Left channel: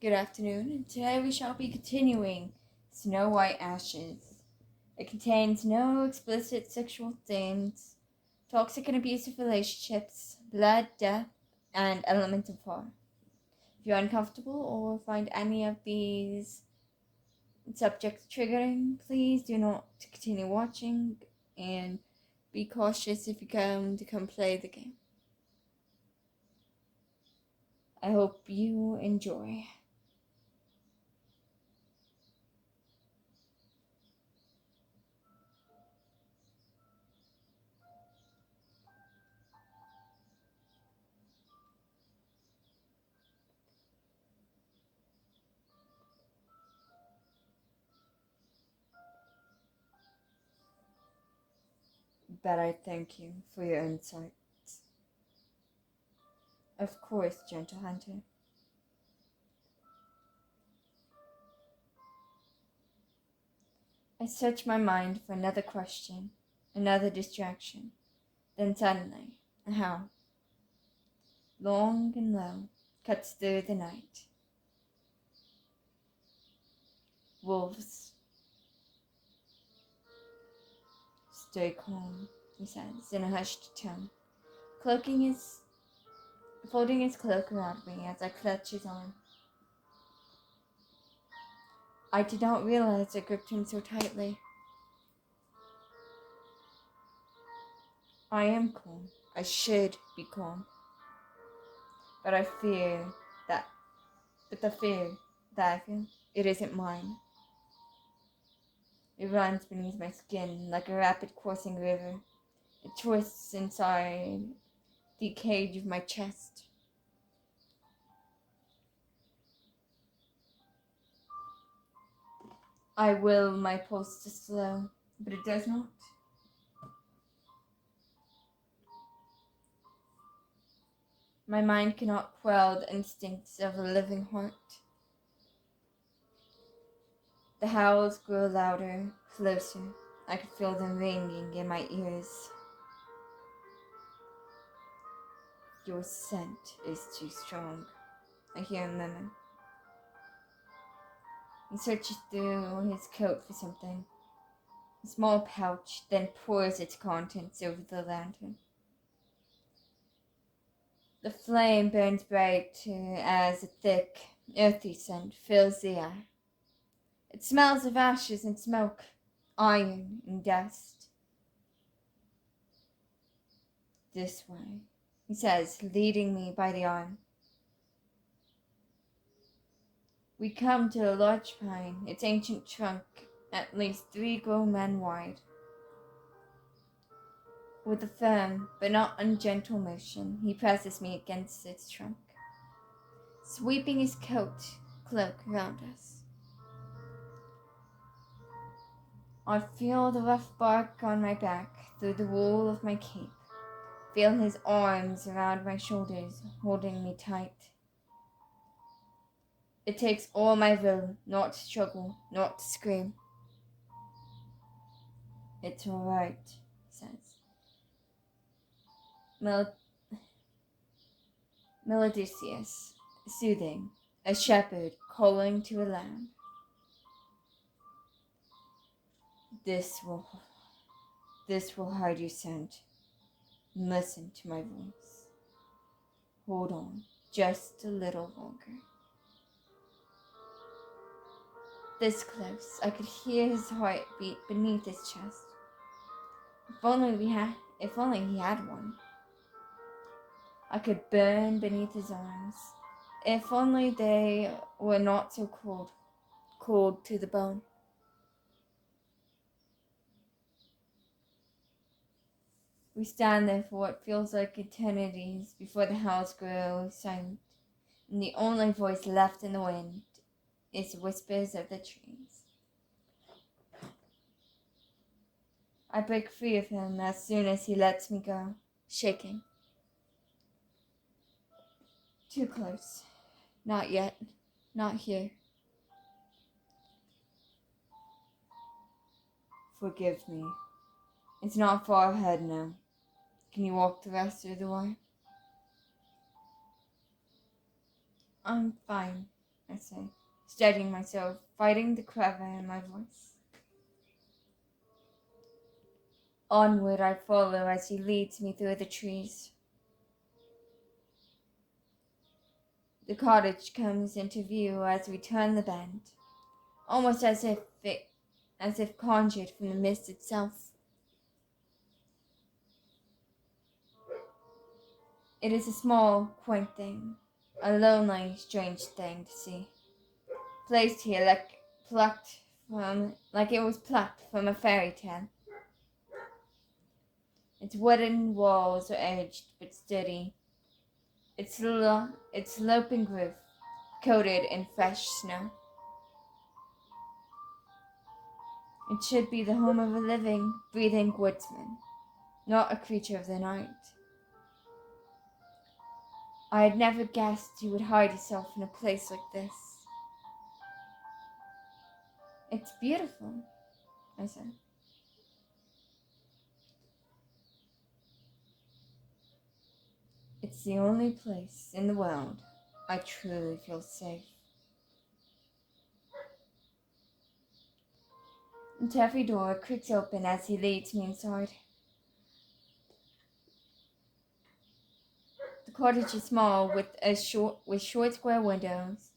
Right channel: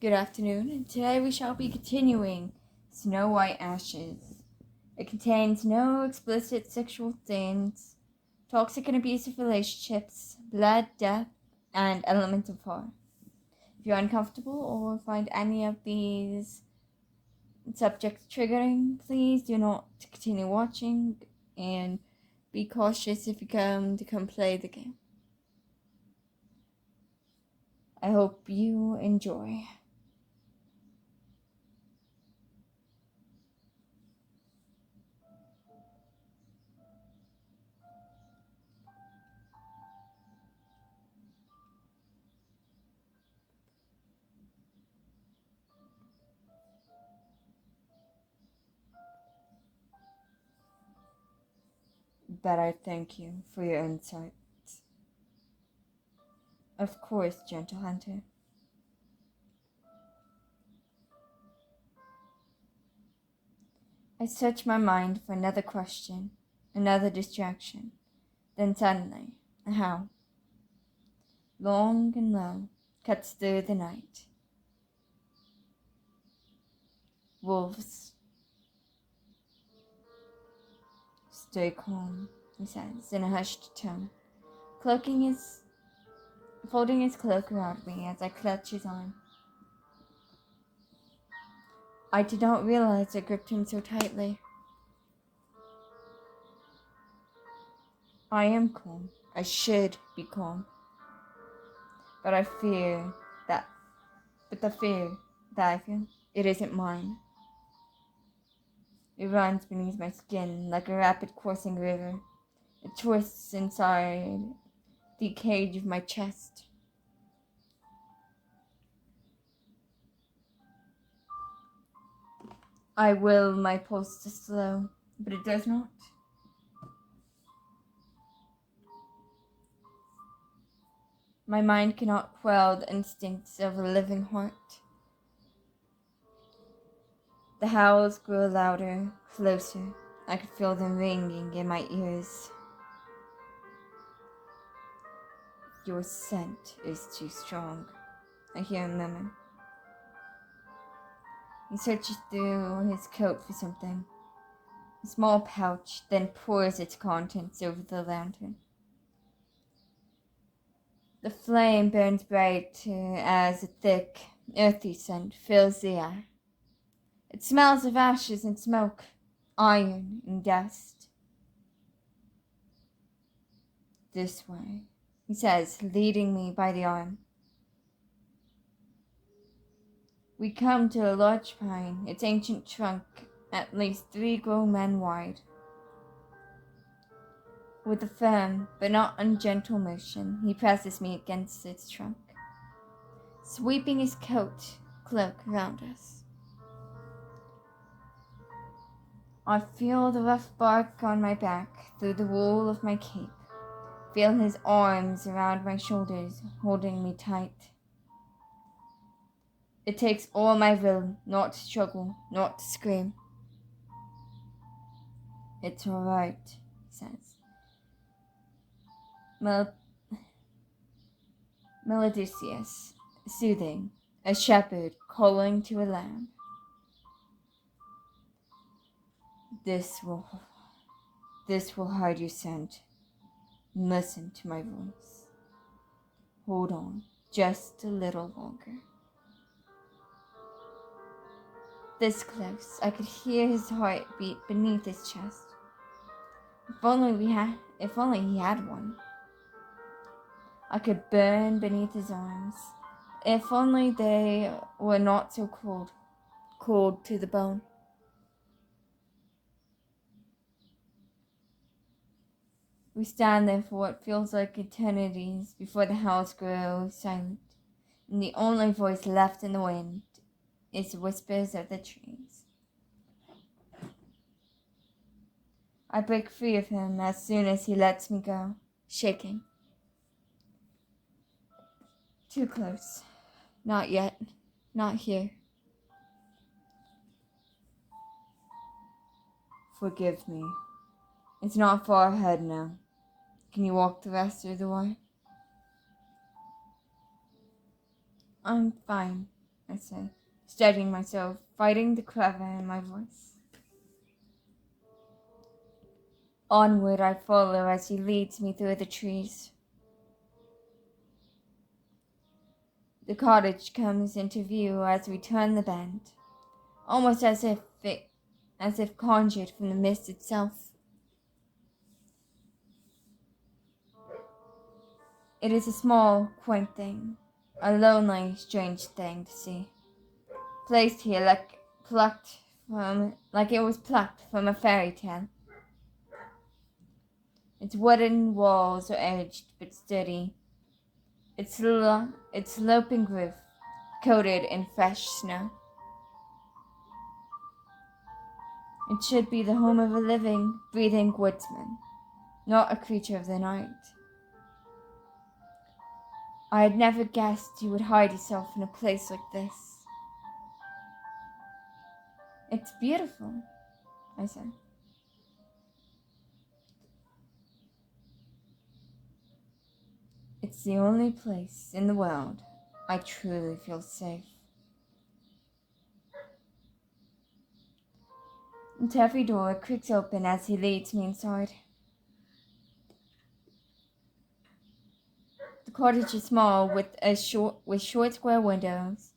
Good afternoon, and today we shall be continuing Snow White Ashes. It contains no explicit sexual themes, toxic and abusive relationships, blood, death, and elements of horror. If you're uncomfortable or find any of these subjects triggering, please do not continue watching and be cautious if you come play the game. I hope you enjoy. But I thank you for your insights. Of course, gentle hunter. I search my mind for another question, another distraction. Then suddenly, a howl, long and low, cuts through the night. Wolves. Stay calm, he says in a hushed tone, folding his cloak around me as I clutch his arm. I did not realize I gripped him so tightly. I am calm. I should be calm. But the fear that I feel, it isn't mine. It runs beneath my skin like a rapid coursing river. It twists inside the cage of my chest. I will my pulse to slow, but it does not. My mind cannot quell the instincts of a living heart. The howls grow louder, closer. I can feel them ringing in my ears. Your scent is too strong, I hear him murmur. He searches through his coat for something. A small pouch, then pours its contents over the lantern. The flame burns bright as a thick, earthy scent fills the air. It smells of ashes and smoke, iron and dust. This way, he says, leading me by the arm. We come to a large pine, its ancient trunk at least 3 grown men wide. With a firm but not ungentle motion, he presses me against its trunk, sweeping his cloak around us. I feel the rough bark on my back through the wool of my cape, feel his arms around my shoulders, holding me tight. It takes all my will not to struggle, not to scream. It's all right, he says. Melodious, soothing, a shepherd calling to a lamb. This will hide your scent. Listen to my voice. Hold on, just a little longer. This close, I could hear his heart beat beneath his chest. If only he had one. I could burn beneath his arms. If only they were not so cold to the bone. We stand there for what feels like eternities before the house grows silent, and the only voice left in the wind is the whispers of the trees. I break free of him as soon as he lets me go, shaking. Too close. Not yet. Not here. Forgive me. It's not far ahead now. Can you walk the rest of the way? I'm fine, I say, steadying myself, fighting the quaver in my voice. Onward I follow as he leads me through the trees. The cottage comes into view as we turn the bend, almost as if conjured from the mist itself. It is a small, quaint thing, a lonely, strange thing to see, placed here like it was plucked from a fairy tale. Its wooden walls are edged but sturdy, its sloping roof coated in fresh snow. It should be the home of a living, breathing woodsman, not a creature of the night. I had never guessed you would hide yourself in a place like this. It's beautiful, I said. It's the only place in the world I truly feel safe. The taffy door creaks open as he leads me inside. The cottage is small with short square windows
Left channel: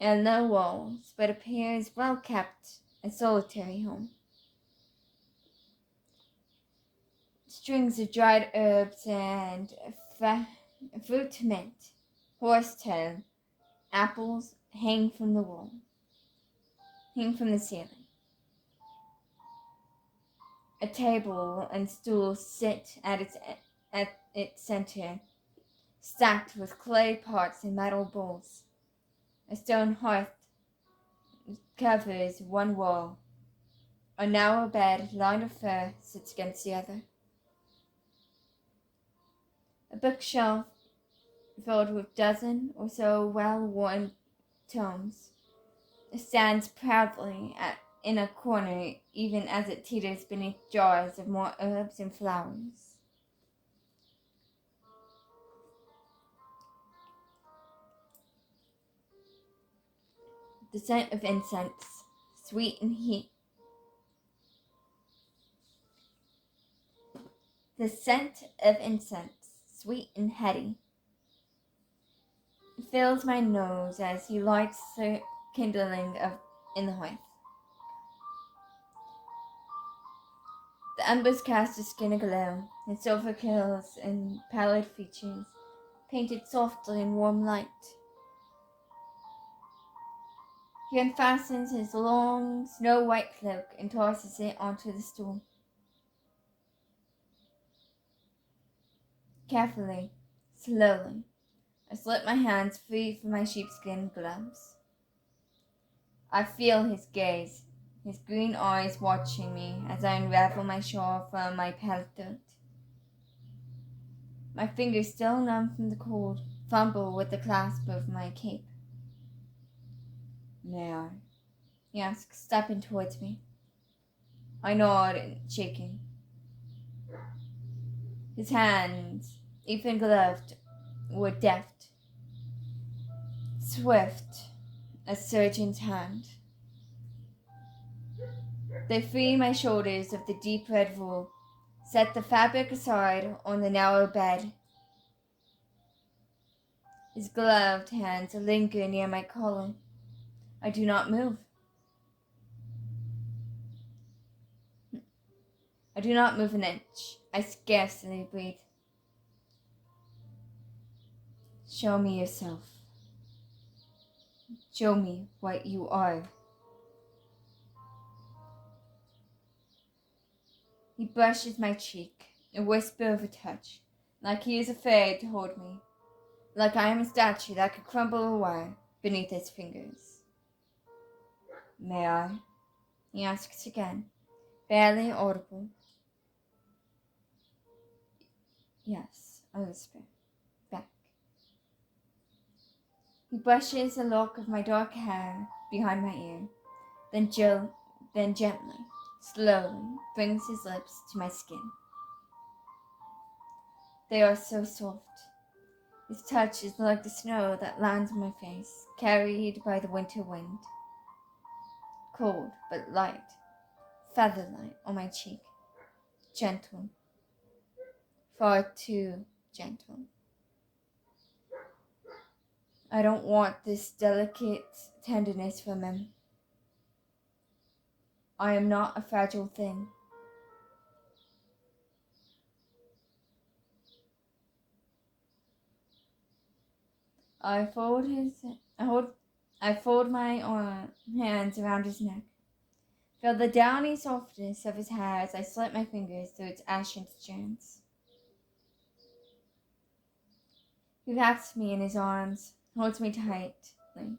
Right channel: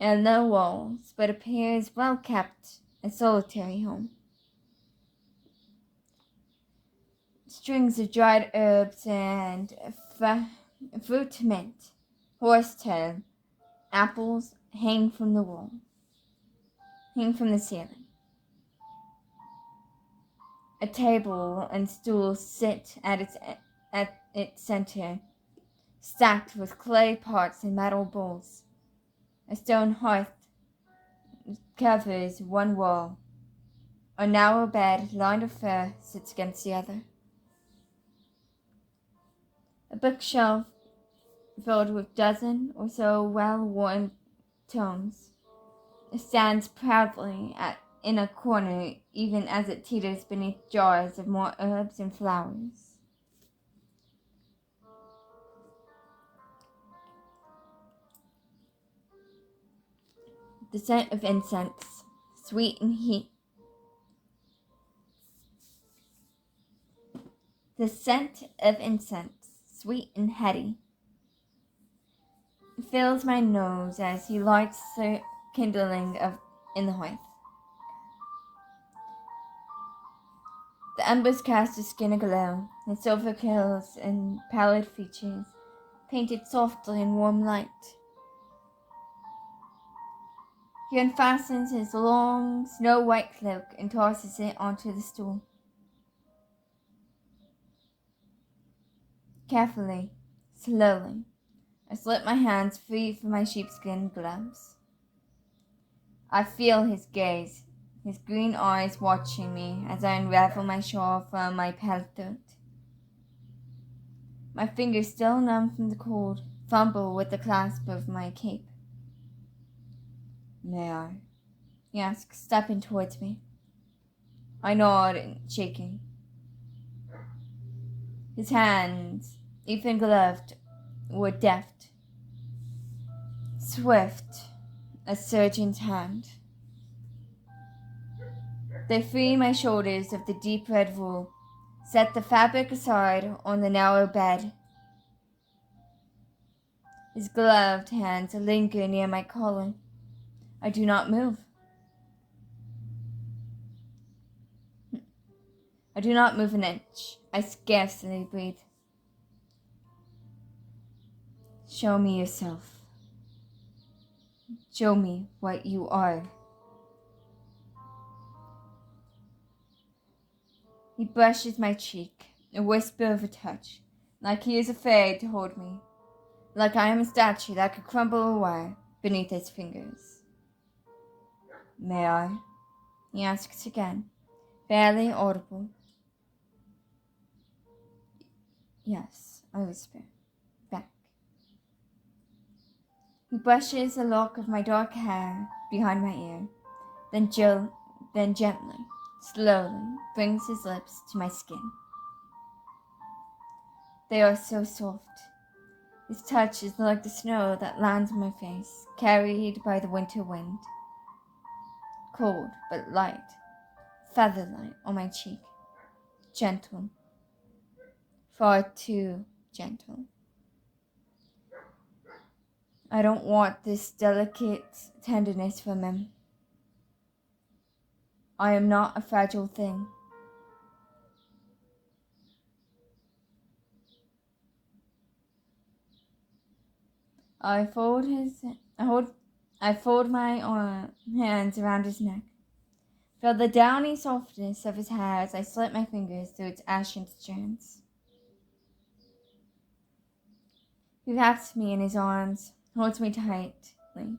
and low walls, but appears well kept, a solitary home. Strings of dried herbs and fruit mint, horsetail, apples hang from the ceiling. A table and stool sit at its center, stacked with clay pots and metal bowls. A stone hearth covers one wall. A narrow bed lined with fur sits against the other. A bookshelf filled with dozen or so well-worn tomes stands proudly in a corner, even as it teeters beneath jars of more herbs and flowers. The scent of incense, sweet and heat. The scent of incense, sweet and heady, fills my nose as he lights the kindling in the hearth. The embers cast his skin aglow, his silver curls and pallid features painted softly in warm light. He unfastens his long, snow-white cloak and tosses it onto the stool. Carefully, slowly, I slip my hands free from my sheepskin gloves. I feel his gaze, his green eyes watching me as I unravel my shawl from my pale throat. My fingers, still numb from the cold, fumble with the clasp of my cape. May I? He asks, stepping towards me. I nod, shaking. His hands, even gloved, were deft, swift, a surgeon's hand. They free my shoulders of the deep red wool, set the fabric aside on the narrow bed. His gloved hands linger near my collar. I do not move. I do not move an inch. I scarcely breathe. Show me yourself. Show me what you are. He brushes my cheek, a whisper of a touch, like he is afraid to hold me, like I am a statue that could crumble away beneath his fingers. May I? He asks again, barely audible. Yes, I whisper, back. He brushes a lock of my dark hair behind my ear, then gently, slowly brings his lips to my skin. They are so soft, His touch is like the snow that lands on my face, carried by the winter wind. Cold but light, feather-light on my cheek. Gentle. Far too gentle. I don't want this delicate tenderness from him. I am not a fragile thing. I fold my hands around his neck. Feel the downy softness of his hair as I slip my fingers through its ashen strands. He wraps me in his arms, holds me tightly,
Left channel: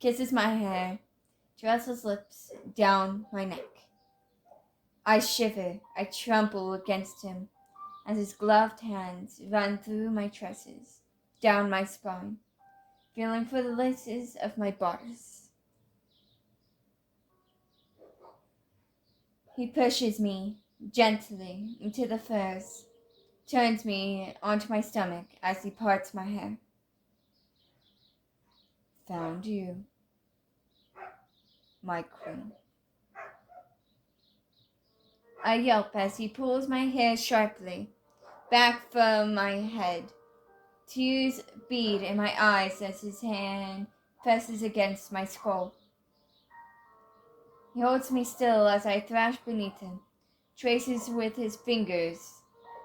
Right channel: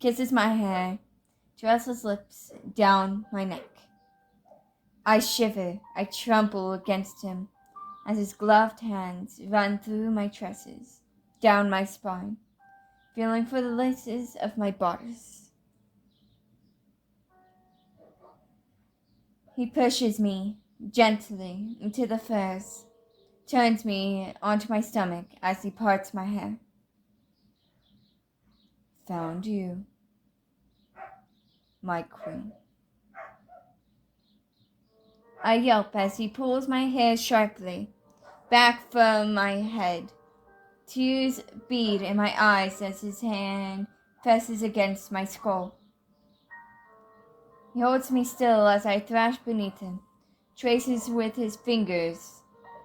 kisses my hair, draws his lips down my neck. I shiver, I tremble against him as his gloved hands run through my tresses, down my spine, feeling for the laces of my bodice. He pushes me gently into the furs, turns me onto my stomach as he parts my hair. Found you, my queen. I yelp as he pulls my hair sharply back from my head. Tears bead in my eyes as his hand presses against my skull. He holds me still as I thrash beneath him, traces with his fingers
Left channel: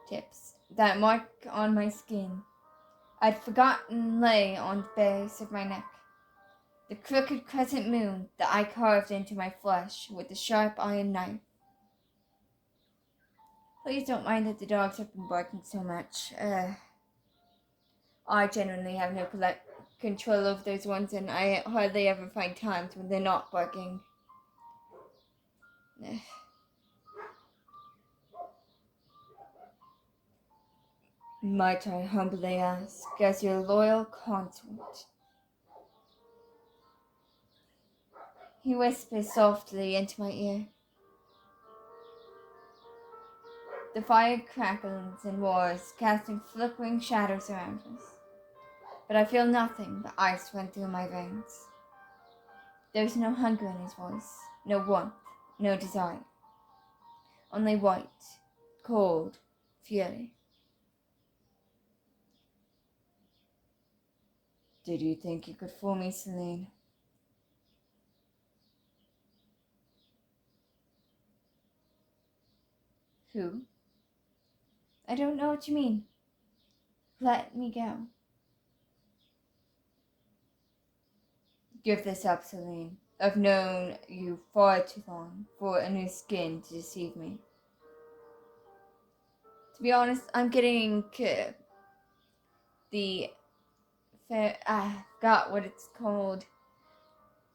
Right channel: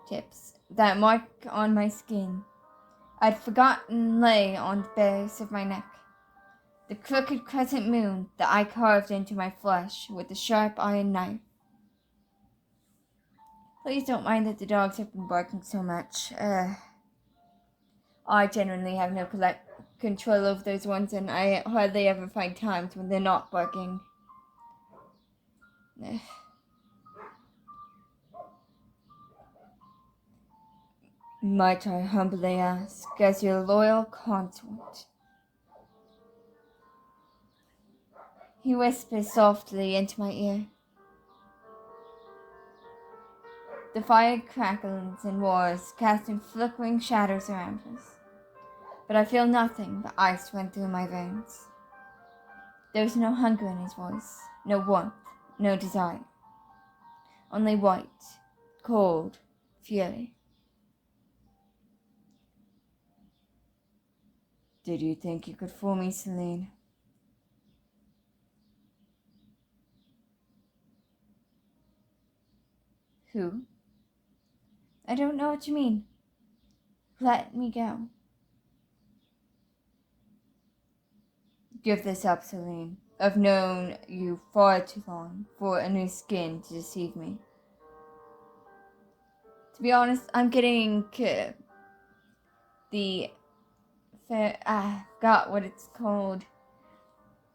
tips that mark on my skin I'd forgotten lay on the base of my neck. The crooked crescent moon that I carved into my flesh with a sharp iron knife. Please don't mind that the dogs have been barking so much. I genuinely have no control over those ones, and I hardly ever find times when they're not barking. Might I humbly ask, as your loyal consort? He whispers softly into my ear. The fire crackles and roars, casting flickering shadows around us. But I feel nothing but ice run through my veins. There's no hunger in his voice, no warmth, no desire. Only white, cold fury. Did you think you could fool me, Celine? Who? I don't know what you mean. Let me go. Give this up, Celine. I've known you far too long for a new skin to deceive me. To be honest, I'm getting got what it's called.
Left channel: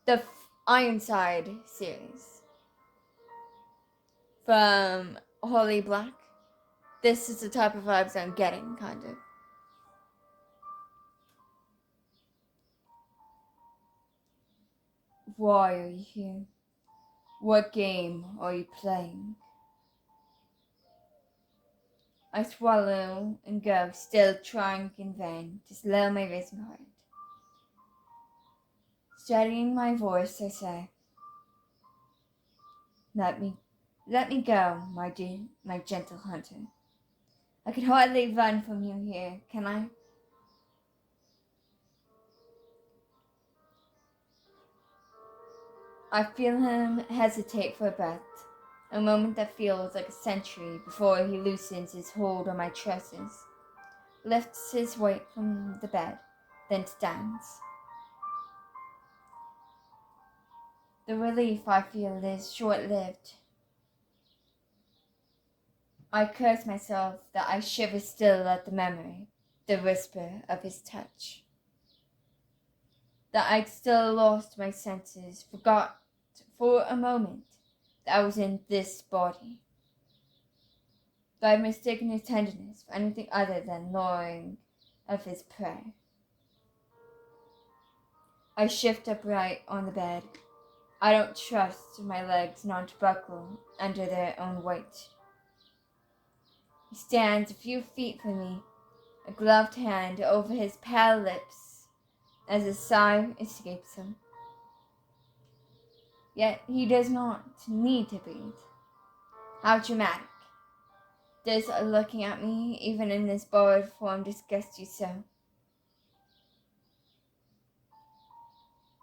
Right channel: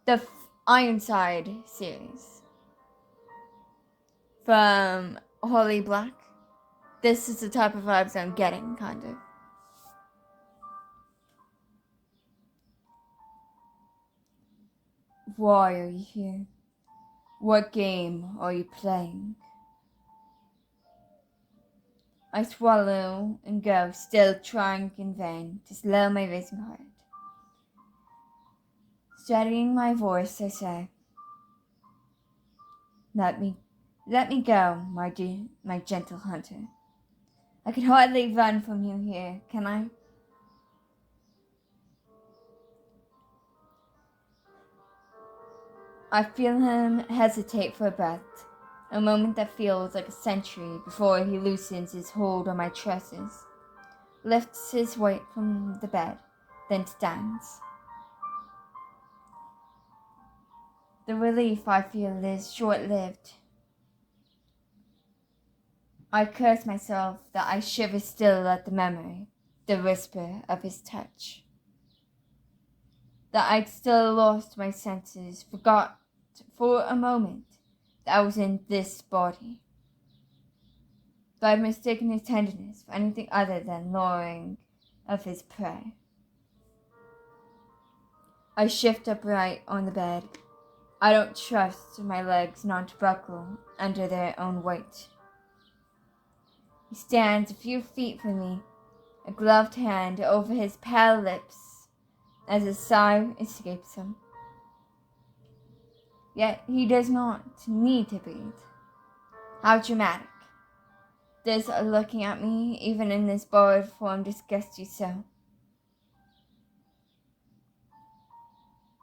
The Ironside series. From Holly Black. This is the type of vibes I'm getting, kind of. Why are you here? What game are you playing? I swallow and go, still trying in vain to slow my racing heart. Steadying my voice, I say, Let me go, my gentle hunter. I can hardly run from you here, can I? I feel him hesitate for a breath, a moment that feels like a century before he loosens his hold on my tresses, lifts his weight from the bed, then stands. The relief I feel is short-lived. I curse myself that I shiver still at the memory, the whisper of his touch. That I'd still lost my senses, forgot for a moment that I was in this body. But I've mistaken his tenderness for anything other than luring of his prey. I shift upright on the bed. I don't trust my legs not to buckle under their own weight. He stands a few feet from me, a gloved hand over his pale lips as a sigh escapes him. Yet he does not need to breathe. How dramatic. Does looking at me, even in this borrowed form, disgust you so?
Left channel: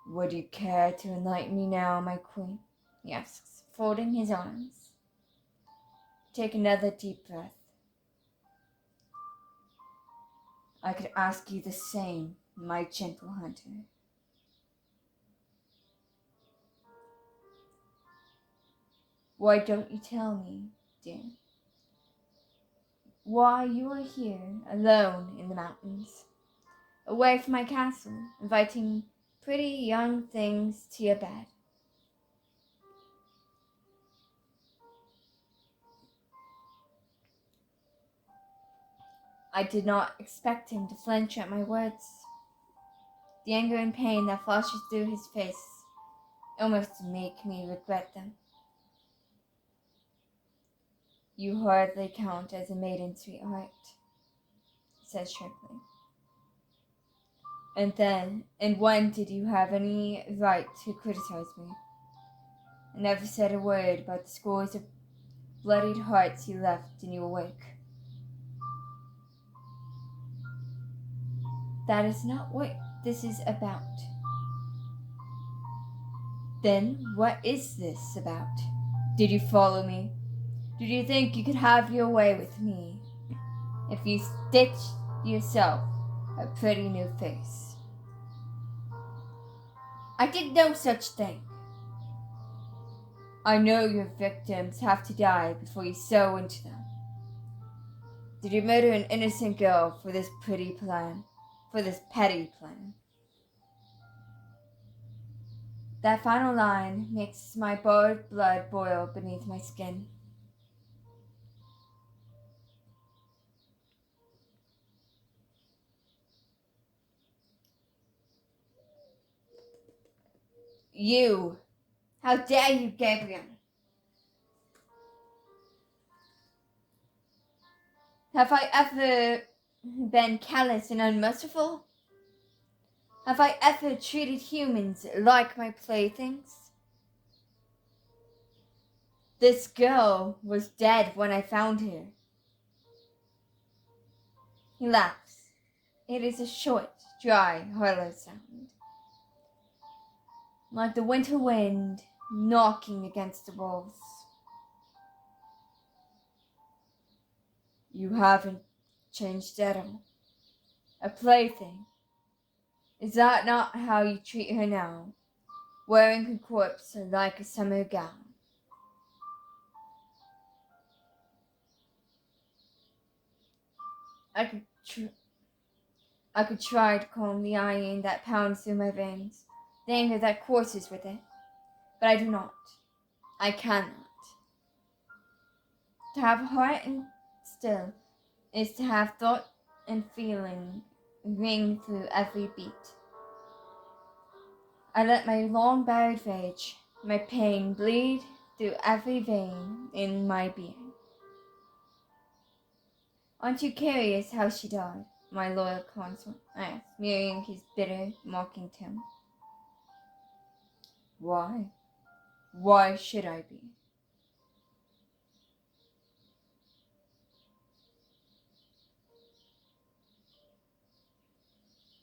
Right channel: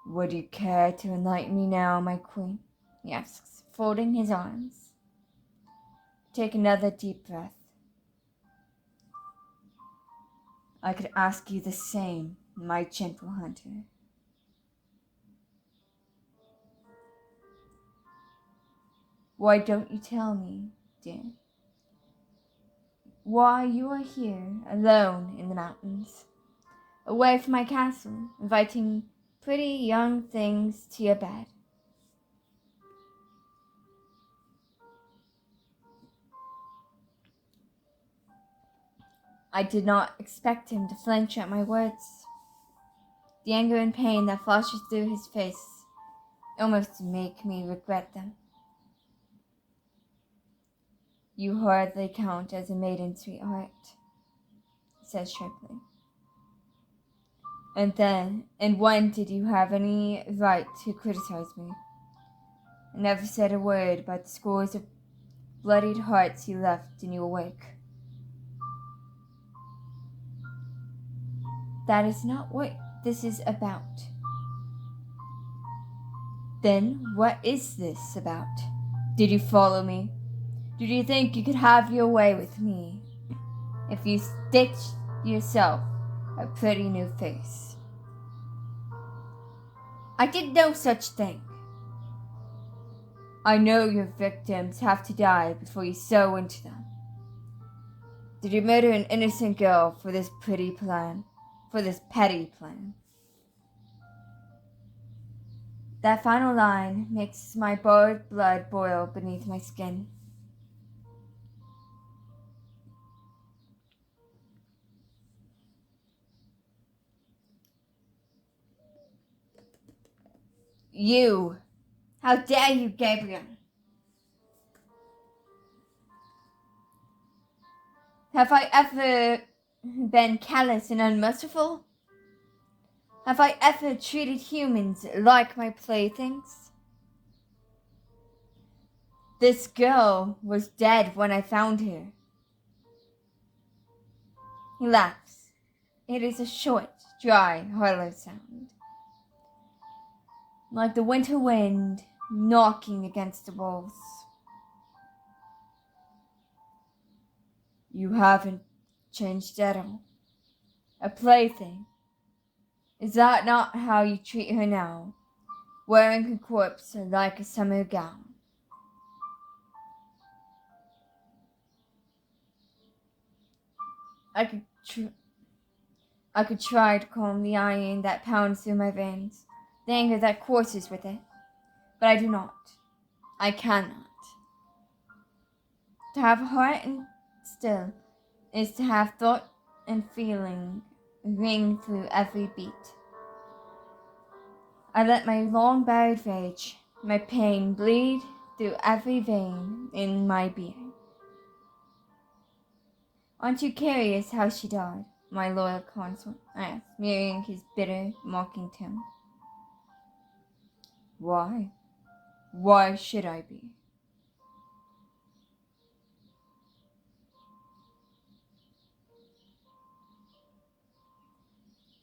Would you care to enlighten me now, my queen? He asks, folding his arms. Take another deep breath. I could ask you the same, my gentle hunter. Why don't you tell me, dear? Why you are here, alone in the mountains, away from my castle, inviting pretty young things to your bed. I did not expect him to flinch at my words. The anger and pain that flashes through his face almost make me regret them. You hardly count as a maiden, sweetheart, he says sharply. And when did you have any right to criticize me? I never said a word about the scores of bloodied hearts you left in your wake. That is not what this is about. Then what is this about? Did you follow me? Did you think you could have your way with me if you stitched yourself a pretty new face? I did no such thing. I know your victims have to die before you sow into them. Did you murder an innocent girl for this pretty plan? For this petty plan? That final line makes my bored blood boil beneath my skin. You! How dare you, Gabriel? Have I ever been callous and unmerciful? Have I ever treated humans like my playthings? This girl was dead when I found her. He laughs. It is a short, dry, hollow sound, like the winter wind knocking against the walls. You haven't changed at all. A plaything. Is that not how you treat her now, wearing her corpse like a summer gown? I could try to calm the iron that pounds through my veins, the anger that courses with it, but I do not. I cannot. To have heart and still is to have thought and feeling ring through every beat. I let my long buried rage, my pain bleed through every vein in my being. Aren't you curious how she died, my loyal consort? I asked, mirroring his bitter, mocking tone. Why? Why should I be?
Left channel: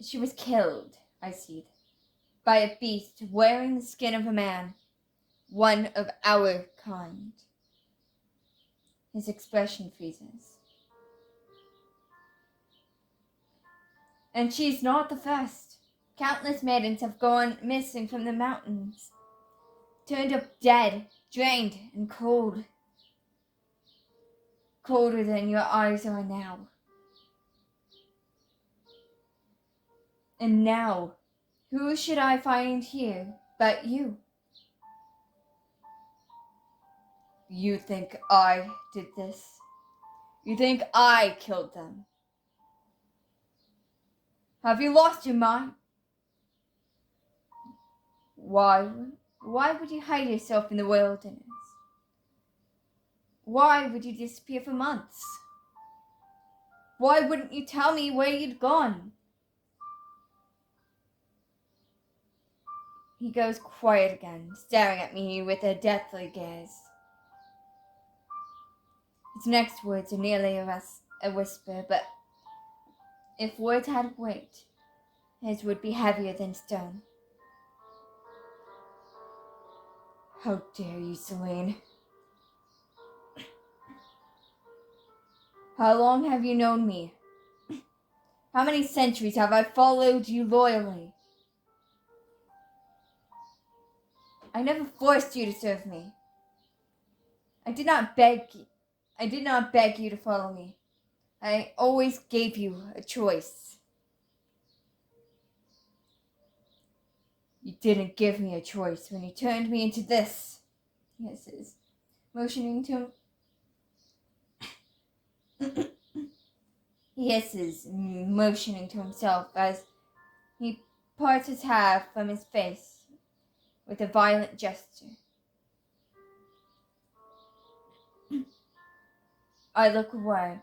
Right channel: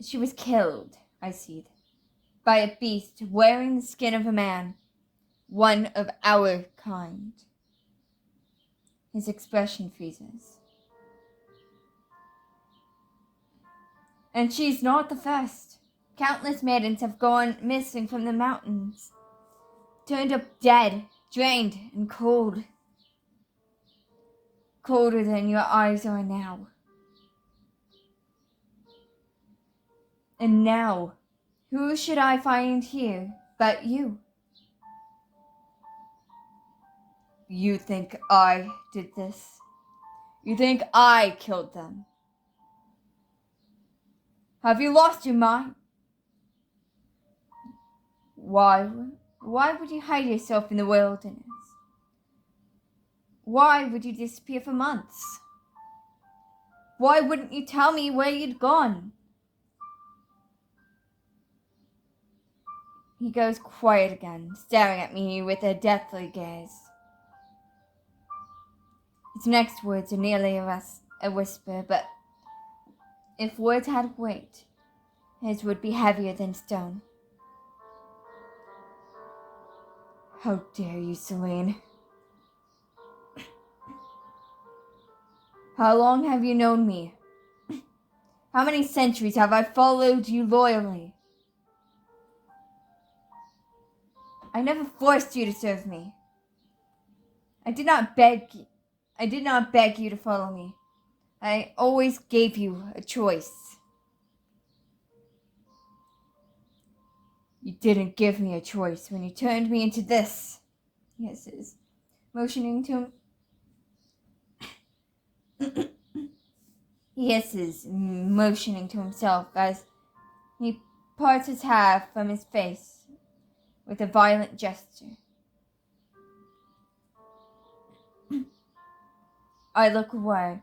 She was killed, I said, by a beast wearing the skin of a man, one of our kind. His expression freezes. And she's not the first. Countless maidens have gone missing from the mountains, turned up dead, drained, and cold. Colder than your eyes are now. And now, who should I find here but you? You think I did this? You think I killed them? Have you lost your mind? Why would you hide yourself in the wilderness? Why would you disappear for months? Why wouldn't you tell me where you'd gone? He goes quiet again, staring at me with a deathly gaze. His next words are nearly a whisper, but if words had weight, his would be heavier than stone. How dare you, Celine? How long have you known me? How many centuries have I followed you loyally? I never forced you to serve me. I did not beg you to follow me. I always gave you a choice. You didn't give me a choice when you turned me into this. He hisses, motioning to himself as he parts his hair from his face with a violent gesture. I look away.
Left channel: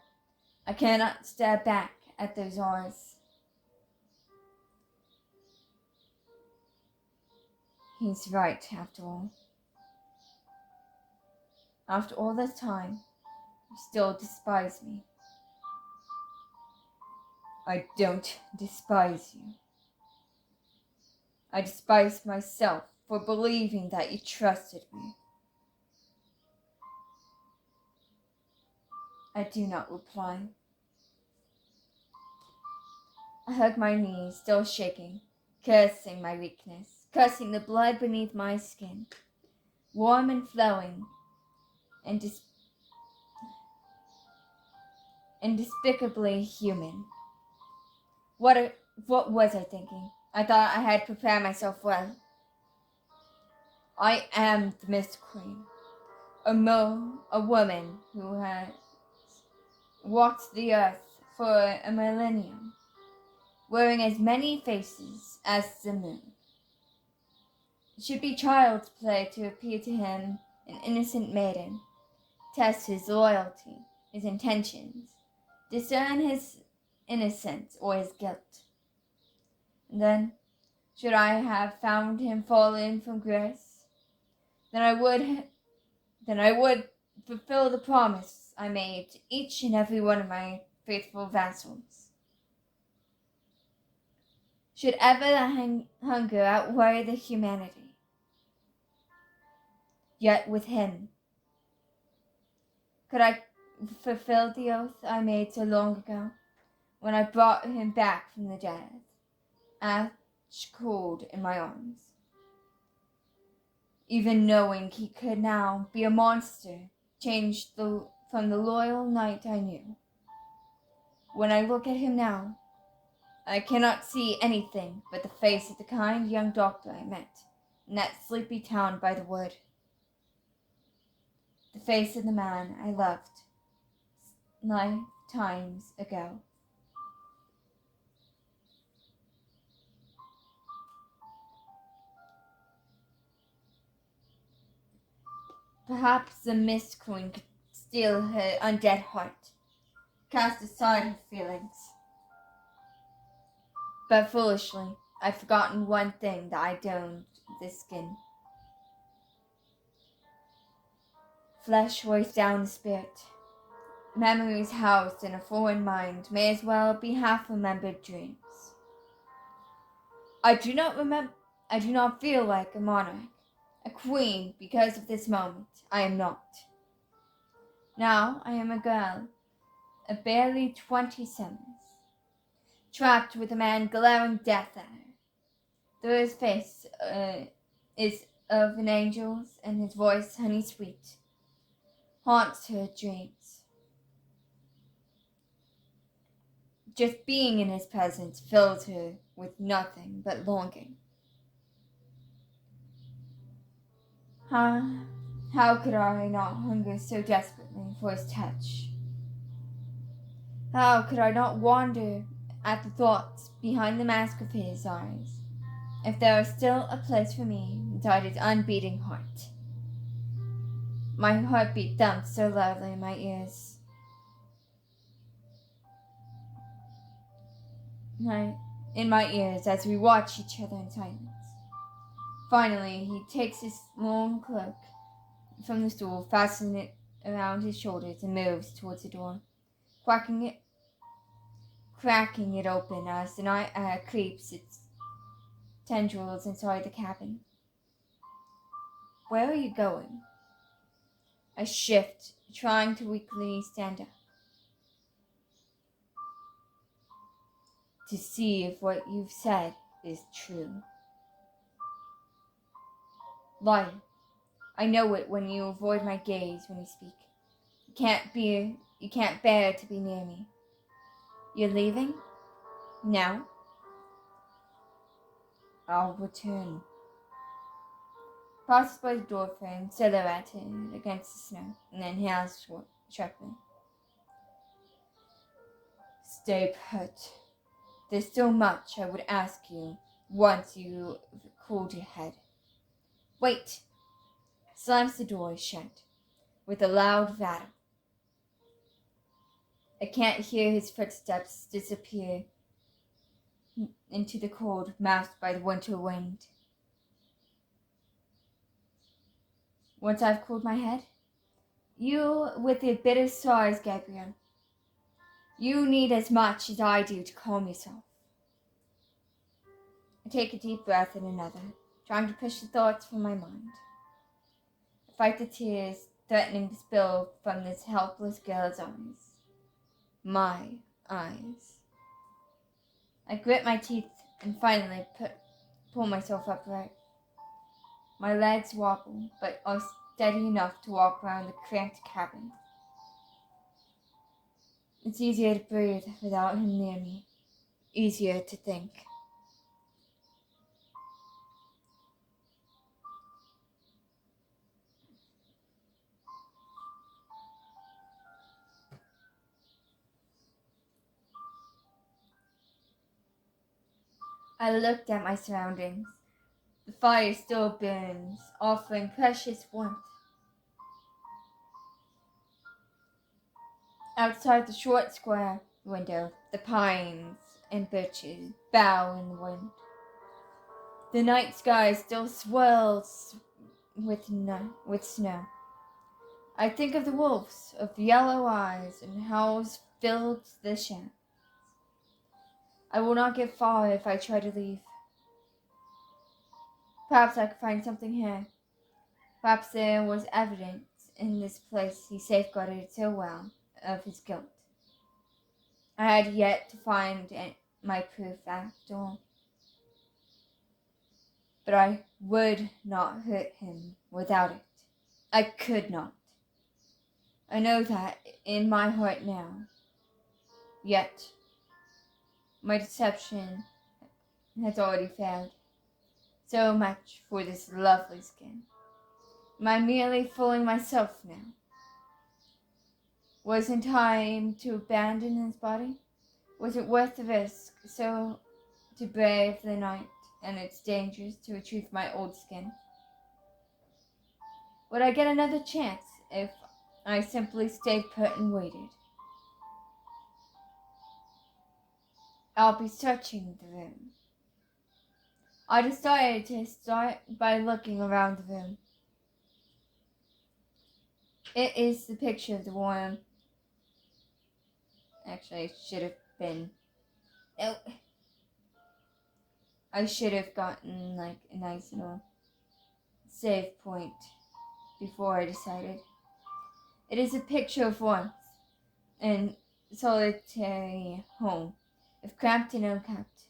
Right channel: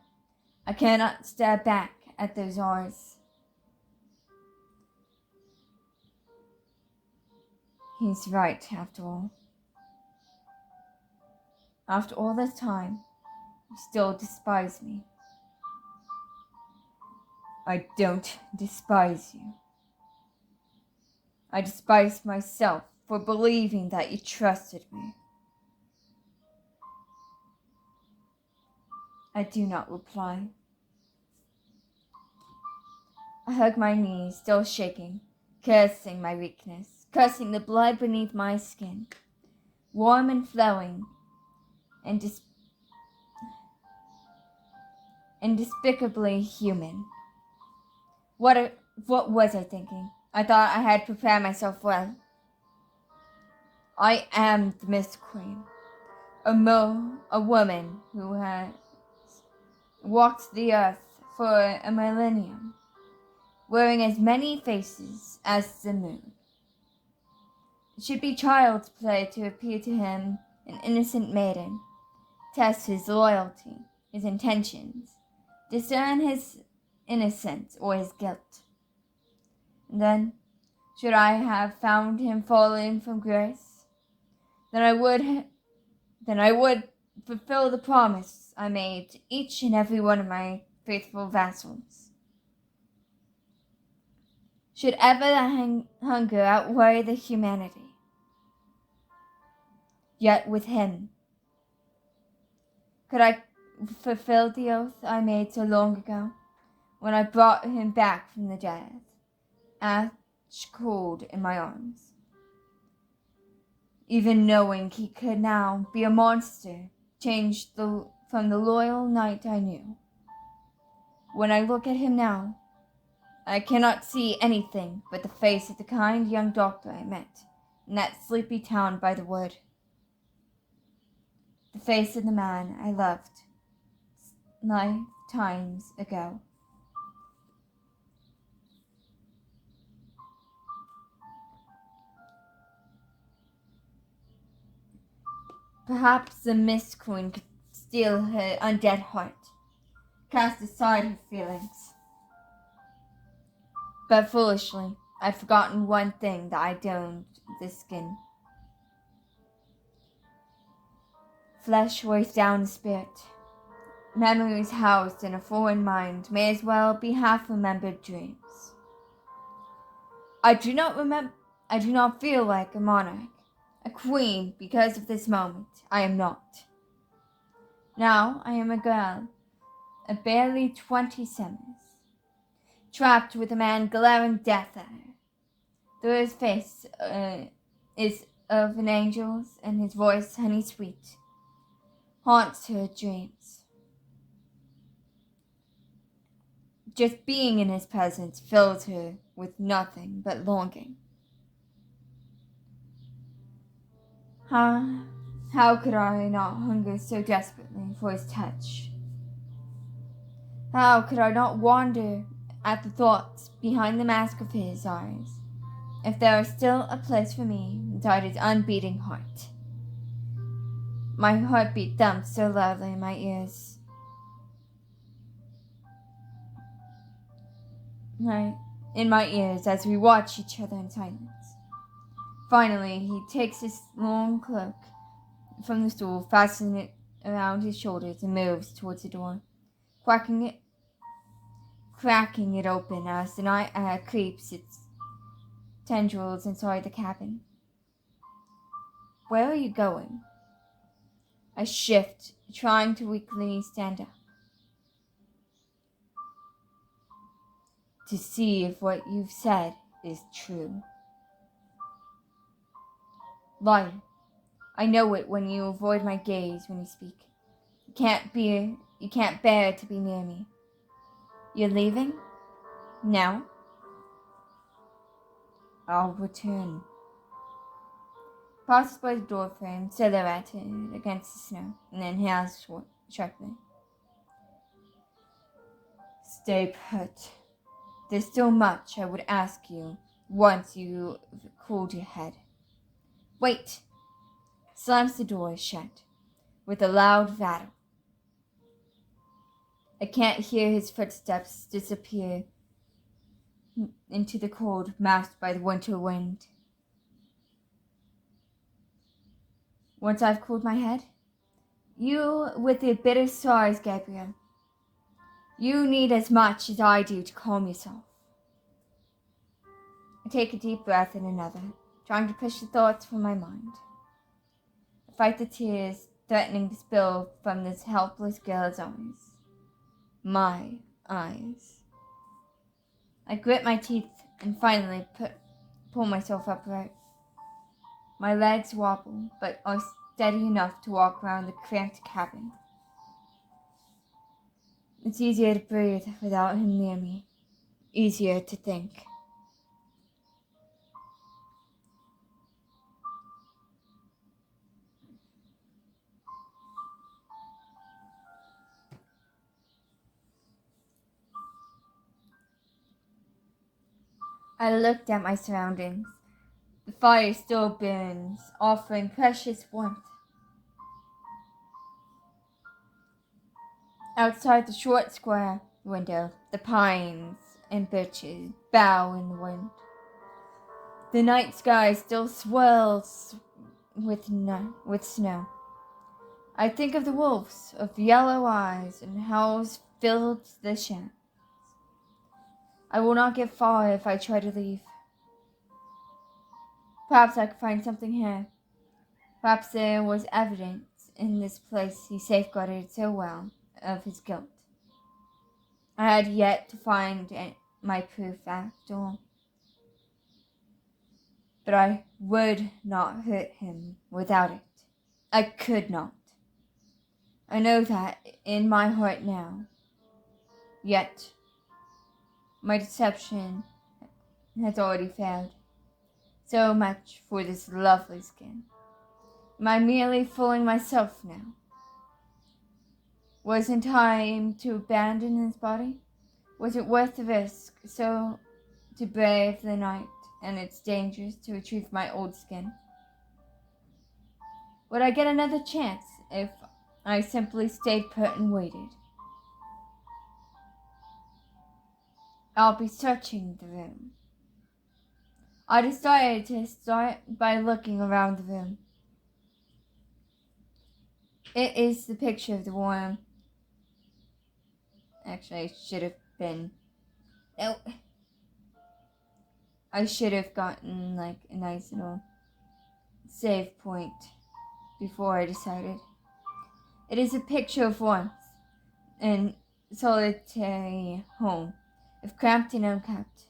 I cannot stare back at those eyes. He's right, after all. After all this time, you still despise me. I don't despise you. I despise myself for believing that you trusted me. I do not reply. I hug my knees, still shaking, cursing my weakness, cursing the blood beneath my skin, warm and flowing, and despicably human. What was I thinking? I thought I had prepared myself well. I am the Mist Queen, a woman who has walked the earth for a millennium, wearing as many faces as the moon. It should be child's play to appear to him an innocent maiden, test his loyalty, his intentions, discern his innocence or his guilt. And then, should I have found him fallen from grace, then I would fulfill the promise I made to each and every one of my faithful vassals. Should ever the hunger outweigh the humanity, yet with him, could I fulfill the oath I made so long ago, when I brought him back from the dead, ash cold in my arms, even knowing he could now be a monster, changed from the loyal knight I knew. When I look at him now, I cannot see anything but the face of the kind young doctor I met in that sleepy town by the wood. The face of the man I loved lifetimes ago. Perhaps the Mist Queen could steal her undead heart, cast aside her feelings. But foolishly, I'd forgotten one thing that I donned the skin. Flesh weighs down the spirit. Memories housed in a foreign mind may as well be half-remembered dreams. I do not feel like a monarch, a queen, because of this moment. I am not. Now I am a girl, a barely 20 summers, trapped with a man glaring death at her. Though his face is of an angel's and his voice honey sweet, haunts her dreams. Just being in his presence fills her with nothing but longing. How could I not hunger so desperately for his touch? How could I not wonder at the thoughts behind the mask of his eyes, if there was still a place for me inside his unbeating heart? My heartbeat thumped so loudly in my ears. in my ears as we watch each other in silence. Finally, he takes his long cloak from the stool, fastening it around his shoulders, and moves towards the door, cracking it open as the night air creeps its tendrils inside the cabin. Where are you going? I shift, trying to weakly stand up. To see if what you've said is true. Lie. I know it when you avoid my gaze when you speak. You can't bear to be near me. You're leaving? Now? I'll return. Passes by the door frame, silhouetted against the snow, and then inhales sharply. Stay put. There's still much I would ask you once you've cooled your head. Wait! Slams the door shut with a loud rattle. I can't hear his footsteps disappear into the cold masked by the winter wind. Once I've cooled my head, you with your bitter sighs, Gabriel. You need as much as I do to calm yourself. I take a deep breath and another, trying to push the thoughts from my mind. I fight the tears threatening to spill from this helpless girl's eyes. My eyes. I grit my teeth and finally pull myself upright. My legs wobble, but are steady enough to walk around the cramped cabin. It's easier to breathe without him near me. Easier to think. I looked at my surroundings. The fire still burns, offering precious warmth. Outside the short square window, the pines and birches bow in the wind. The night sky still swirls with snow. I think of the wolves of yellow eyes and howls filled the shadows. I will not get far if I try to leave. Perhaps I could find something here. Perhaps there was evidence in this place he safeguarded so well of his guilt. I had yet to find my proof after all. But I would not hurt him without it. I could not. I know that in my heart now. Yet, my deception has already failed. So much for this lovely skin. Am I merely fooling myself now? Wasn't time to abandon his body? Was it worth the risk so to brave the night and its dangers to retrieve my old skin? Would I get another chance if I simply stayed put and waited? I'll be searching the room. I decided to start by looking around the room. It is the picture of the woman. Actually, I should have been. No. I should have gotten like a nice little save point before I decided. It is a picture of warmth and solitary home, if cramped and unkept.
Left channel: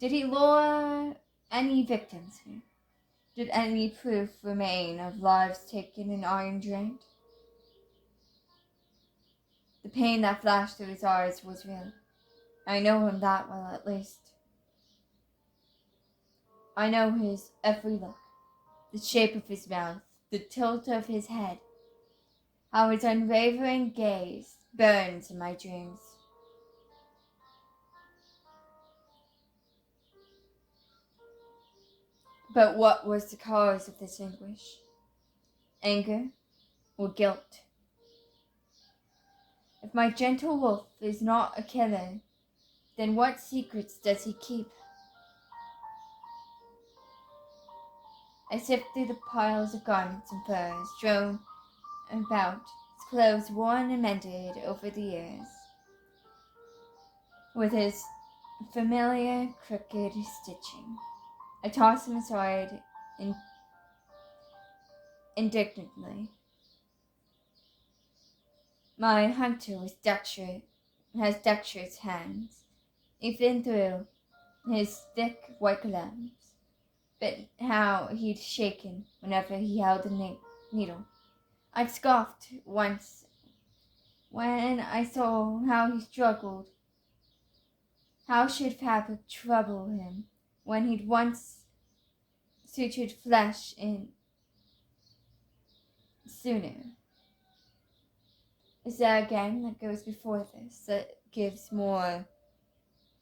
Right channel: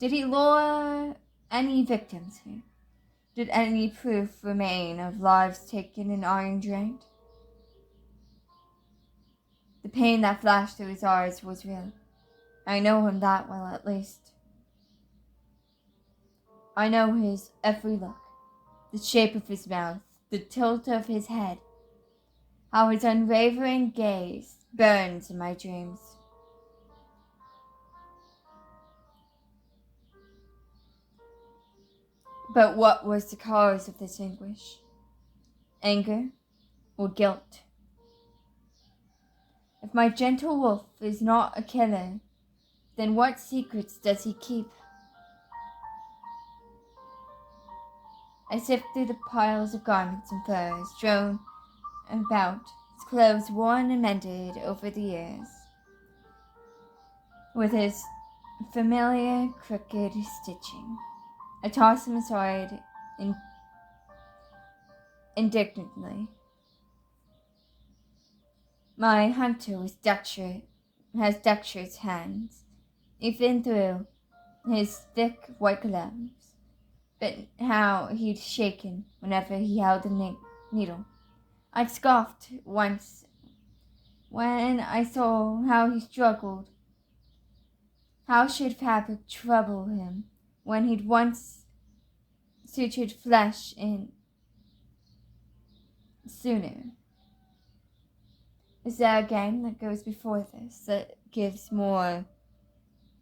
Did he lure any victims here? Did any proof remain of lives taken and iron drained? The pain that flashed through his eyes was real. I know him that well, at least. I know his every look, the shape of his mouth, the tilt of his head, how his unwavering gaze burns in my dreams. But what was the cause of this anguish? Anger or guilt? If my gentle wolf is not a killer, Then what secrets does he keep? I sift through the piles of garments and furs strewn about, his clothes worn and mended over the years, with his familiar crooked stitching. I toss him aside indignantly. My hunter has dexterous hands, even through his thick white gloves, but how he'd shaken whenever he held a needle. I scoffed once when I saw how he struggled. How should fabric trouble him when he'd once sutured flesh in sooner? Is there a game that goes before this that gives more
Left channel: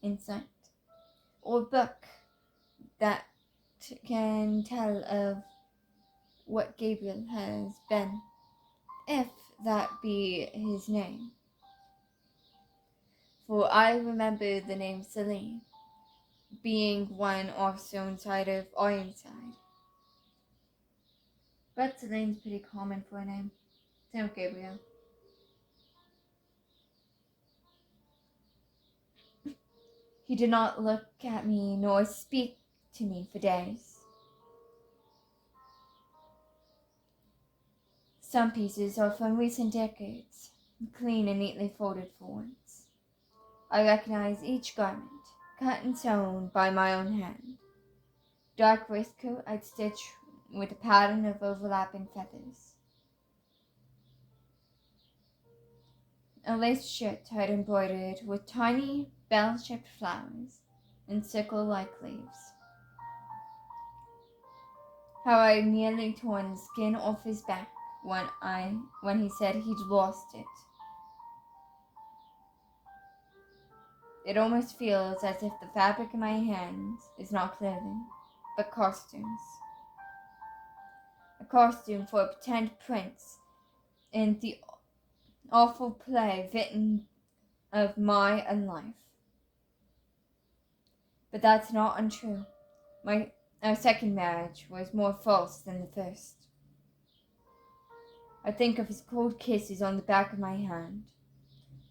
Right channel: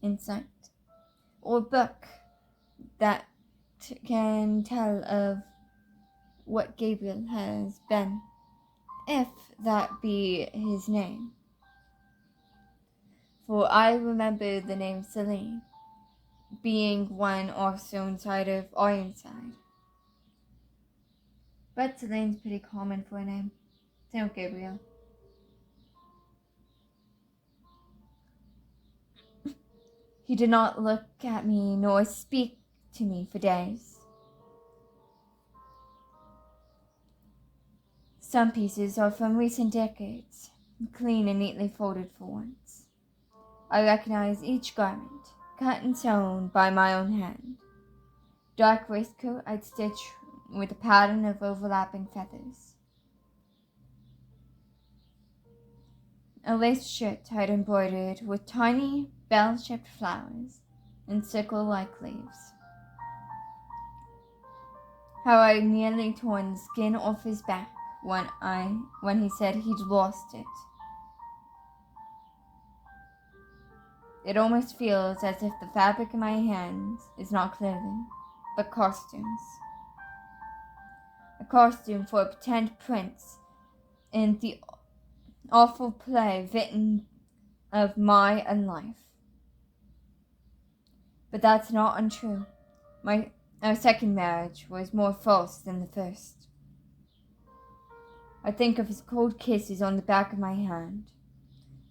insight? Or a book that can tell of what Gabriel has been, if that be his name? For I remember the name Celine, being one also inside of Ironside. But Celine's pretty common for a name. Same with Gabriel. He did not look at me nor speak to me for days. Some pieces are from recent decades, clean and neatly folded for once. I recognize each garment, cut and sewn by my own hand. Dark waistcoat I'd stitch with a pattern of overlapping feathers. A lace shirt I'd embroidered with tiny bell-shaped flowers and sickle-like leaves. How I nearly torn the skin off his back when he said he'd lost it. It almost feels as if the fabric in my hands is not clothing, but costumes. A costume for a pretend prince in the awful play written of my own life. But that's not untrue. Our second marriage was more false than the first. I think of his cold kisses on the back of my hand,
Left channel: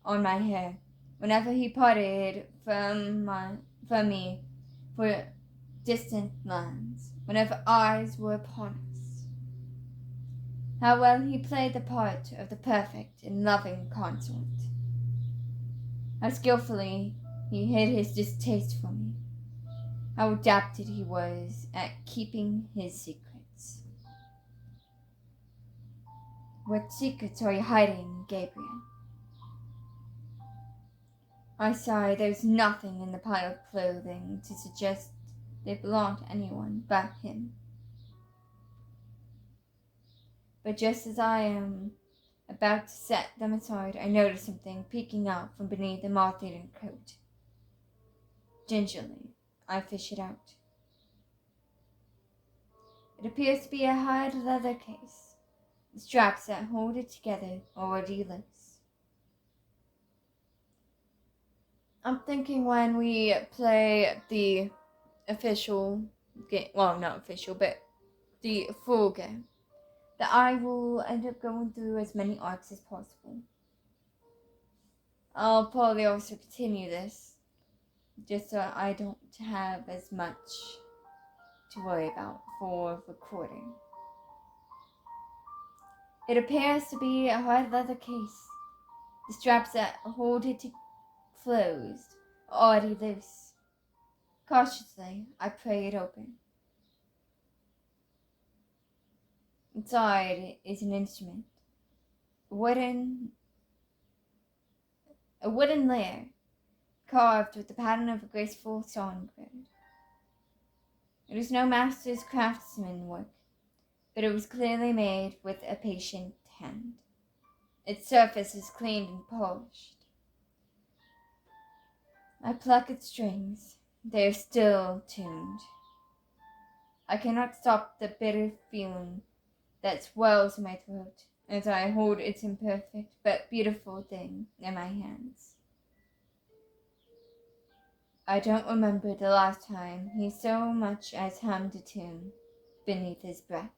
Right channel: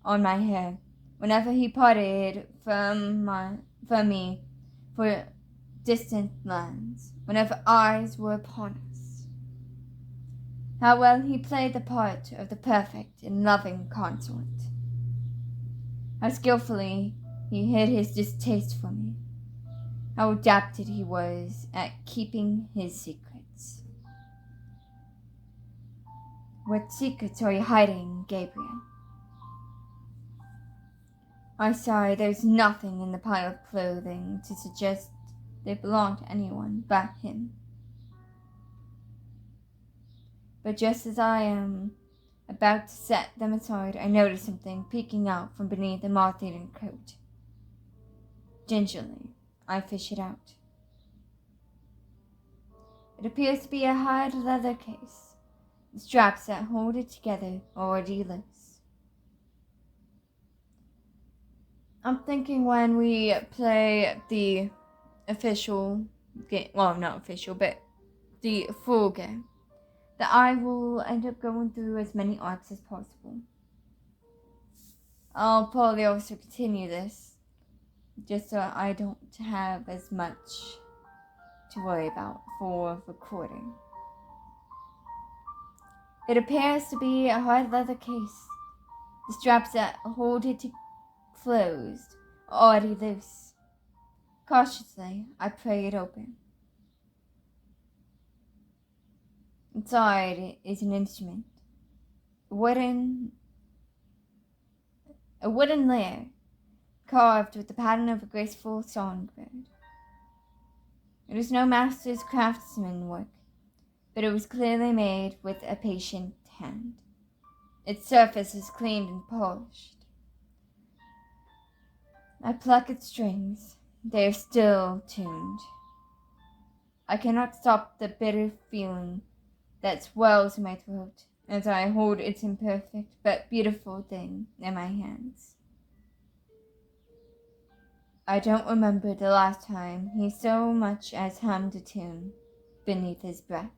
on my hair, whenever he parted from me for distant lands, whenever eyes were upon us. How well he played the part of the perfect and loving consort. How skillfully he hid his distaste for me. How adapted he was at keeping his secrets. What secrets are you hiding, Gabriel? I sigh. There's nothing in the pile of clothing to suggest they belong to anyone but him. But just as I am about to set them aside, I notice something peeking out from beneath the moth-eaten coat. Gingerly, I fish it out. It appears to be a hard leather case. The straps that hold it together are already loose. I'm thinking when we play the official game, well, not official, but the full game, that I will end up going through as many arcs as possible. I'll probably also continue this, just so I don't have as much to worry about for recording. It appears to be a hard leather case. The straps that hold it closed are already loose. Cautiously, I pry it open. Inside is an instrument, a wooden lyre, carved with the pattern of a graceful songbird. It was no master's craftsmanship, but it was clearly made with a patient hand. Its surface is cleaned and polished. I pluck its strings. They are still tuned. I cannot stop the bitter feeling that swells in my throat as I hold its imperfect but beautiful thing in my hands. I don't remember the last time he so much as hummed a tune beneath his breath.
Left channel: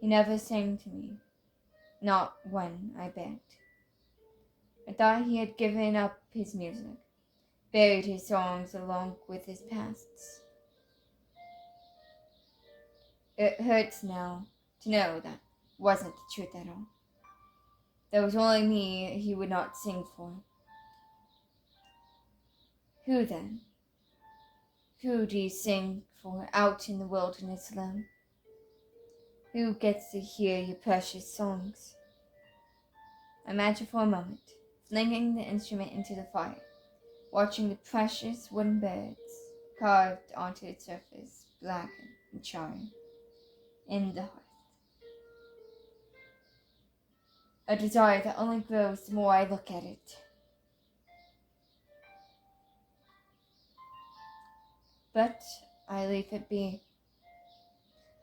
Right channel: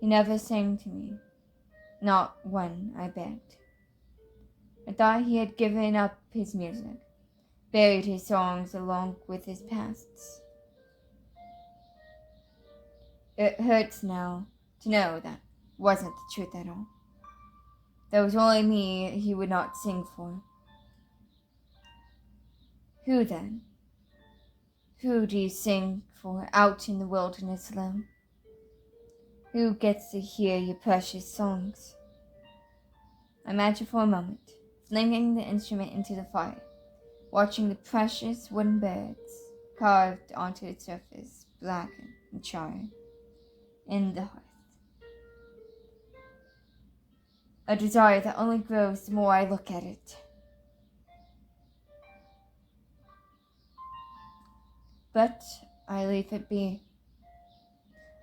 He never sang to me, not one I begged. I thought he had given up his music, buried his songs along with his pasts. It hurts now to know that wasn't the truth at all. There was only me he would not sing for. Who then? Who do you sing for out in the wilderness alone? Who gets to hear your precious songs? Imagine for a moment, flinging the instrument into the fire, watching the precious wooden birds carved onto its surface, blacken and charring in the hearth. A desire that only grows the more I look at it. But I leave it be.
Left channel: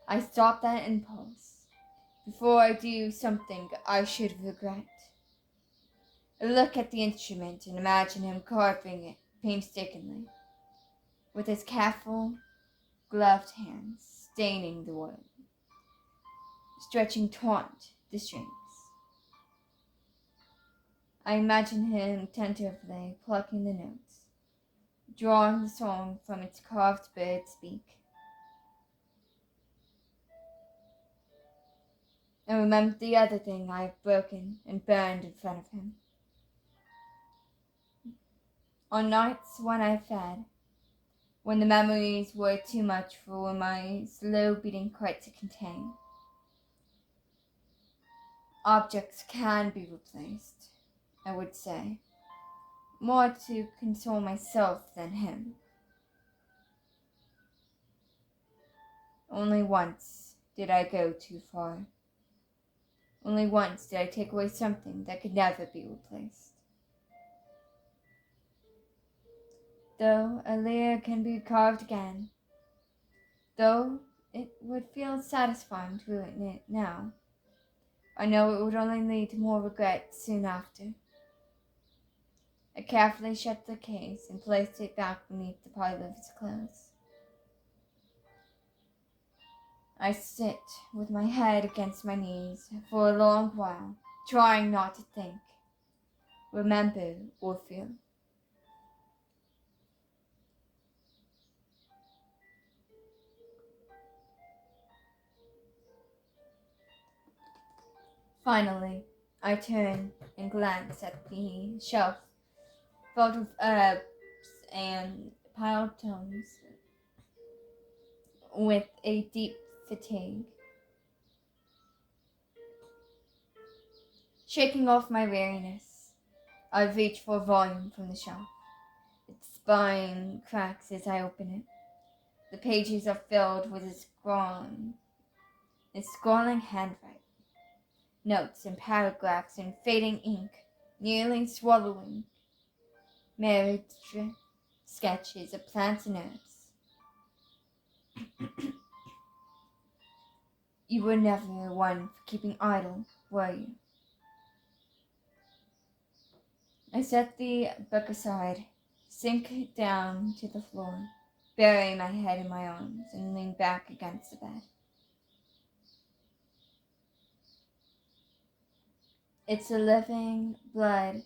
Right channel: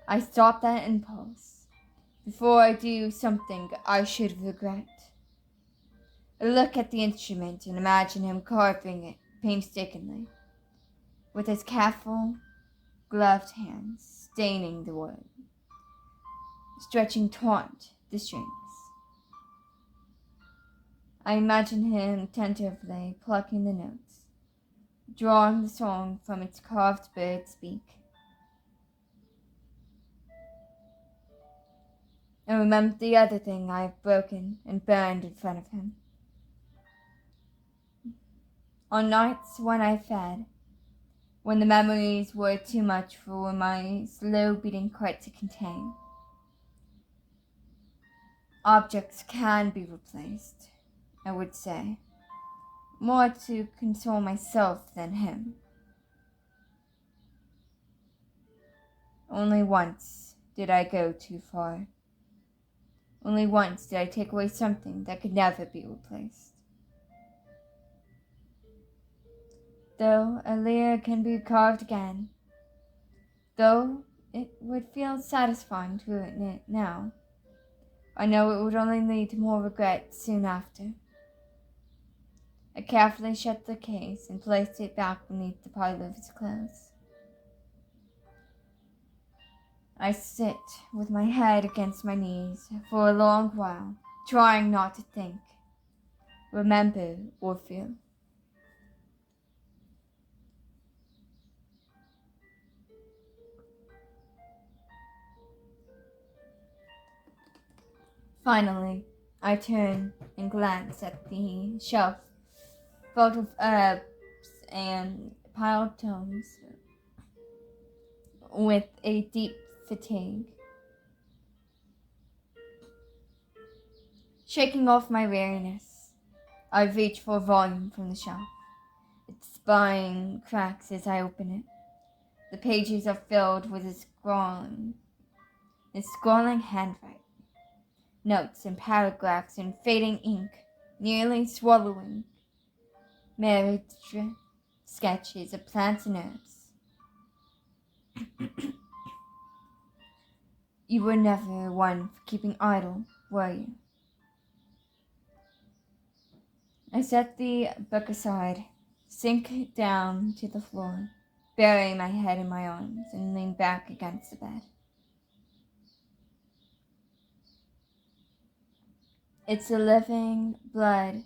I stop that impulse before I do something I should regret. I look at the instrument and imagine him carving it painstakingly, with his careful, gloved hands staining the wood, stretching taut the strings. I imagine him attentively plucking the notes, drawing the song from its carved bird's beak. I remember the other thing I have broken and burned in front of him. On nights when I fed, when the memories were too much for my slow-beating heart to contain. Objects can be replaced, I would say, more to console myself than him. Only once did I go too far. Only once did I take away something that could never be replaced. Though a lyre can be carved again, though it would feel satisfying to it now, I know it would only lead to more regret soon after. I carefully shut the case and placed it back beneath the pile of his clothes. I sit with my head against my knees for a long while, trying not to think, remember, or feel. Finally, I turn and glance at the shelf filled with herbs and piled tomes with a deep fatigue. Shaking off my weariness, I reach for a volume from the shelf. Its spine cracks as I open it. The pages are filled with his scrawling handwriting, notes and paragraphs in fading ink, nearly swallowing married sketches of plants and herbs. You were never one for keeping idle, were you? I set the book aside, sink down to the floor, bury my head in my arms, and lean back against the bed. It's the living blood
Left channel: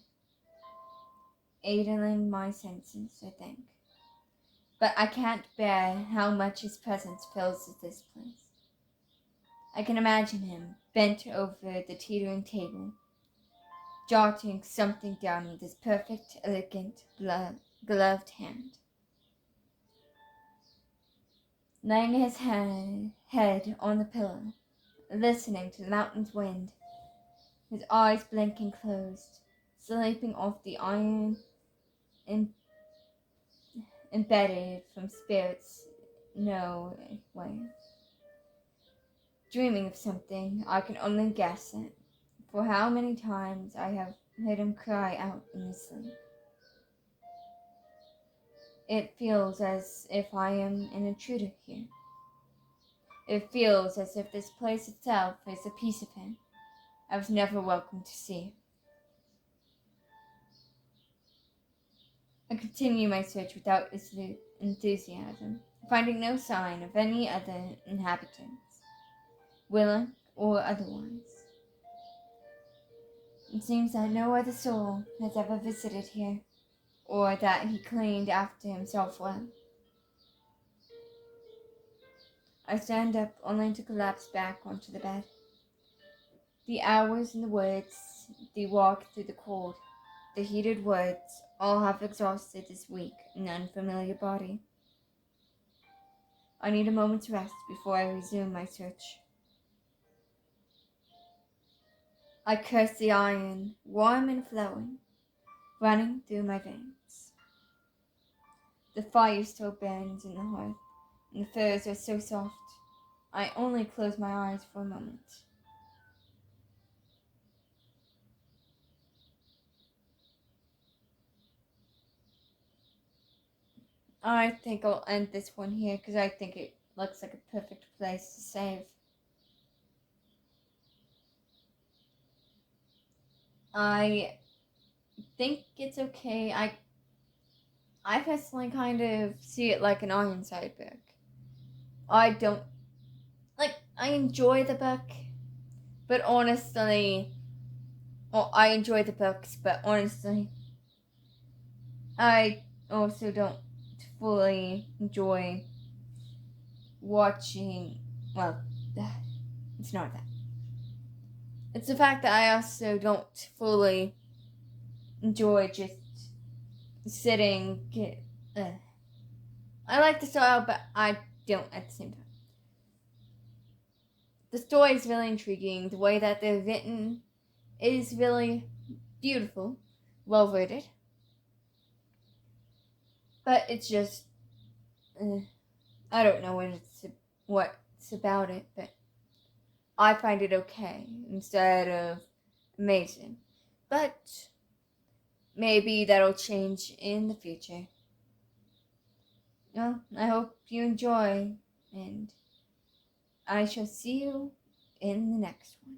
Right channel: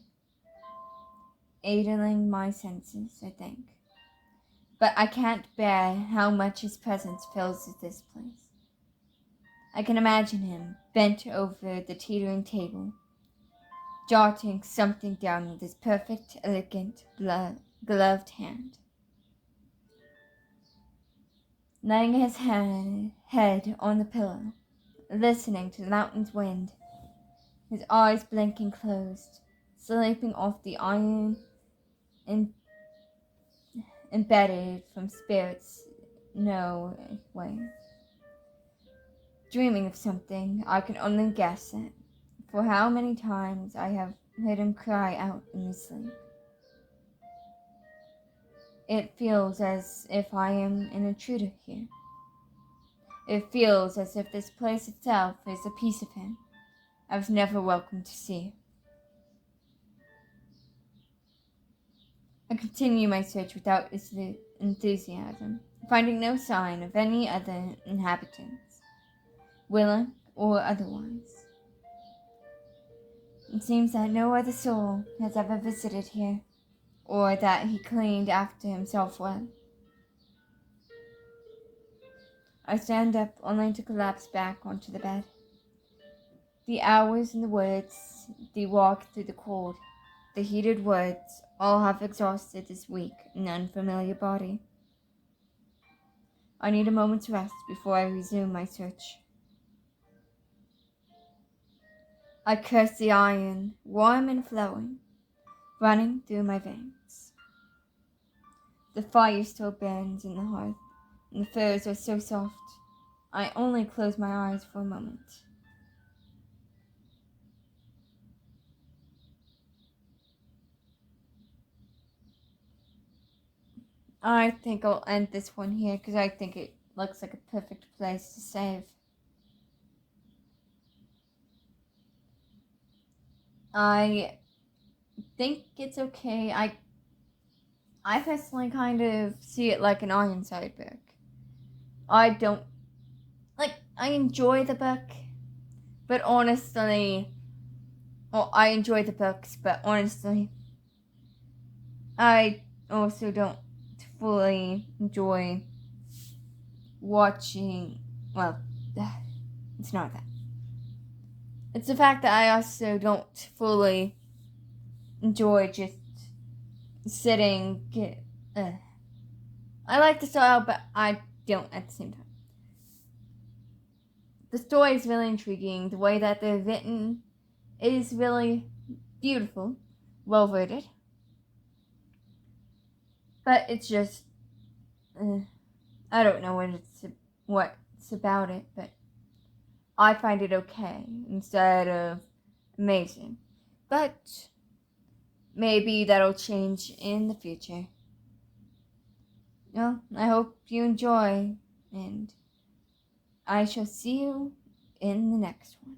aiding my senses, I think. But I can't bear how much his presence fills this place. I can imagine him bent over the teetering table, jotting something down with his perfect, elegant, gloved hand. Laying his head on the pillow, listening to the mountain's wind, his eyes blinking closed, sleeping off the iron embedded from spirits no way. Dreaming of something I can only guess at, for how many times I have heard him cry out in his sleep. It feels as if I am an intruder here. It feels as if this place itself is a piece of him I was never welcome to see. I continue my search without enthusiasm, finding no sign of any other inhabitants, willing or otherwise. It seems that no other soul has ever visited here, or that he cleaned after himself well. I stand up only to collapse back onto the bed. The hours in the woods, the walk through the cold, the heated woods, all have exhausted this weak and unfamiliar body. I need a moment's rest before I resume my search. I curse the iron, warm and flowing, running through my veins. The fire still burns in the hearth, and the furs are so soft. I only close my eyes for a moment. I think I'll end this one here because I think it looks like a perfect place to save. I think it's okay. I personally kind of see it like an Ironside book. I don't I enjoy the book, but honestly, well, I enjoy the books, but honestly, I also don't fully enjoy watching. Well, it's not that. It's the fact that I also don't fully enjoy just sitting. I like the style, but I don't at the same time. The story is really intriguing. The way that they're written is really beautiful, well written. But it's just, I don't know what's about it, but I find it okay instead of amazing. But maybe that'll change in the future. Well, I hope you enjoy, and I shall see you in the next one.